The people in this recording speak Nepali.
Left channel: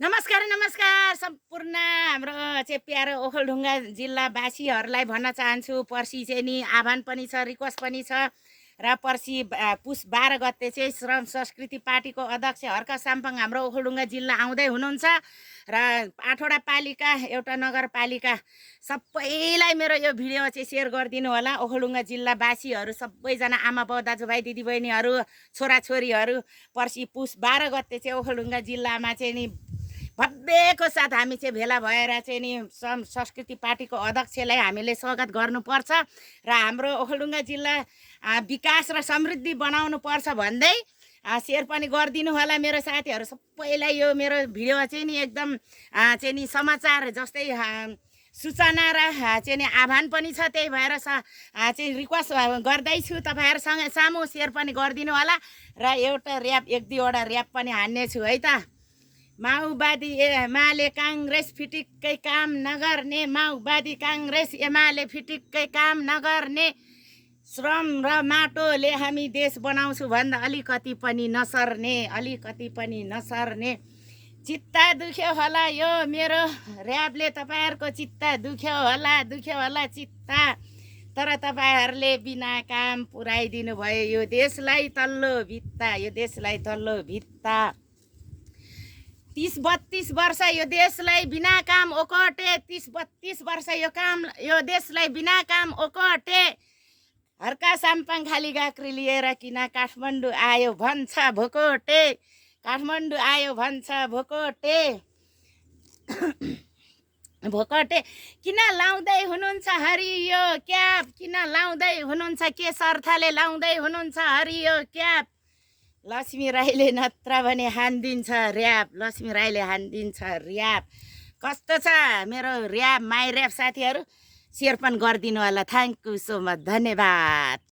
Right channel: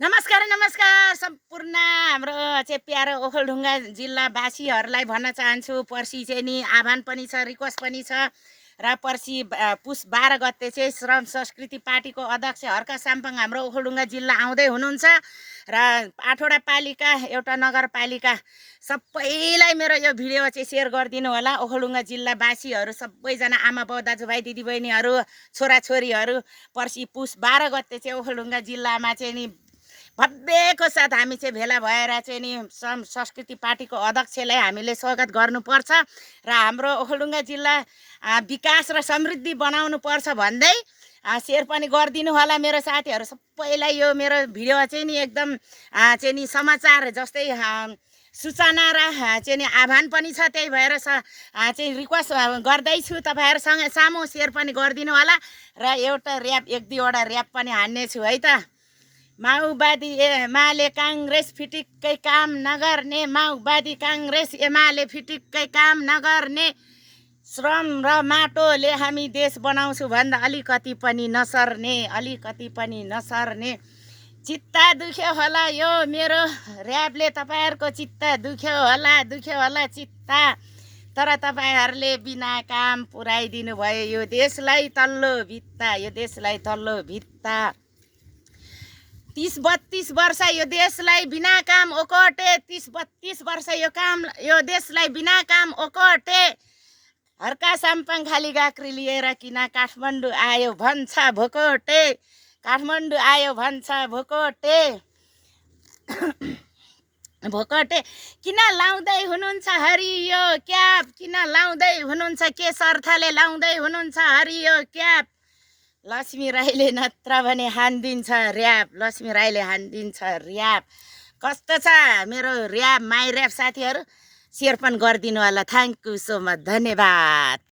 नमस्कार नमस्कार सम्पूर्ण हाम्रो चाहिँ प्यारो ओखलढुङ्गा जिल्लावासीहरूलाई भन्न चाहन्छु। पर्सि चाहिँ नि आह्वान पनि छ, रिक्वेस्ट पनि छ र पर्सि पुस 12 गते चाहिँ श्रम संस्कृति पार्टीको अध्यक्ष हर्क साम्पाङ हाम्रो ओखलढुङ्गा जिल्ला आउँदै हुनुहुन्छ र 8वटा पालिका एउटा नगरपालिका सबैलाई मेरो यो भिडियो चाहिँ सेयर गरिदिनु होला। ओखलढुङ्गा जिल्लावासीहरू सबैजना आमा बाउ दाजुभाइ दिदीबहिनीहरू छोराछोरीहरू पर्सि पुस 12 गते चाहिँ ओखलढुङ्गा जिल्लामा चाहिँ नि भव्यको साथ हामी चाहिँ भेला भएर चाहिँ नि संस्कृति पार्टीको अध्यक्षलाई हामीले स्वागत गर्नुपर्छ र हाम्रो ओखलढुङ्गा जिल्ला विकास र समृद्धि बनाउनु पर्छ भन्दै सेयर पनि गरिदिनु होला मेरो साथीहरू सबैलाई। यो मेरो भिडियो चाहिँ नि एकदम चाहिँ नि समाचार जस्तै सूचना र चाहिँ नि आह्वान पनि छ, त्यही भएर चाहिँ रिक्वेस्ट गर्दैछु तपाईँहरूसँग सामु सेयर पनि गरिदिनु होला र एउटा ऱ्याप 1-2वटा ऱ्याप पनि हान्नेछु है त। माओवादी एमाले काङ्ग्रेस फिटिक्कै काम नगर्ने, माओवादी काङ्ग्रेस एमाले फिटिक्कै काम नगर्ने, श्रम र माटोले हामी देश बनाउँछु भन्दा अलिकति पनि नसर्ने, अलिकति पनि नसर्ने। चित्ता दुख्यो होला यो मेरो ऱ्यापले, तपाईँहरूको चित्ता दुख्यो होला चित्ता, तर तपाईँहरूले बिना काम पुऱ्याइदिनु भयो यो देशलाई तल्लो भित्ता, यो देशलाई तल्लो भित्ता। 30-32 वर्ष यो देशलाई बिना काम ओकटे, 30-32 वर्ष यो देशलाई बिना काम ओकटे। हर्का साम्पाङ खाली गाक्री लिएर किन काठमाडौँ आयो भन्छ भोकोटे, काठमाडौँ आयो भन्छ भोकोटे। भोकटे किन लाउँदै हुनुहुन्छ हरियो क्याप, किन लाउँदै हुनुहुन्छ, के अर्थले लाउँदै हुनुहुन्छ हरियो क्याप। लक्ष्मी राईले नत्र भने हान्दिन्छ ऱ्याप, लक्ष्मी राईले हान्दिन्छ ऱ्याप। कस्तो छ मेरो ऱ्याप, माई ऱ्याप साथीहरू सेयर पनि गरिदिनु होला। थ्याङ्क यू सो मच, धन्यवाद।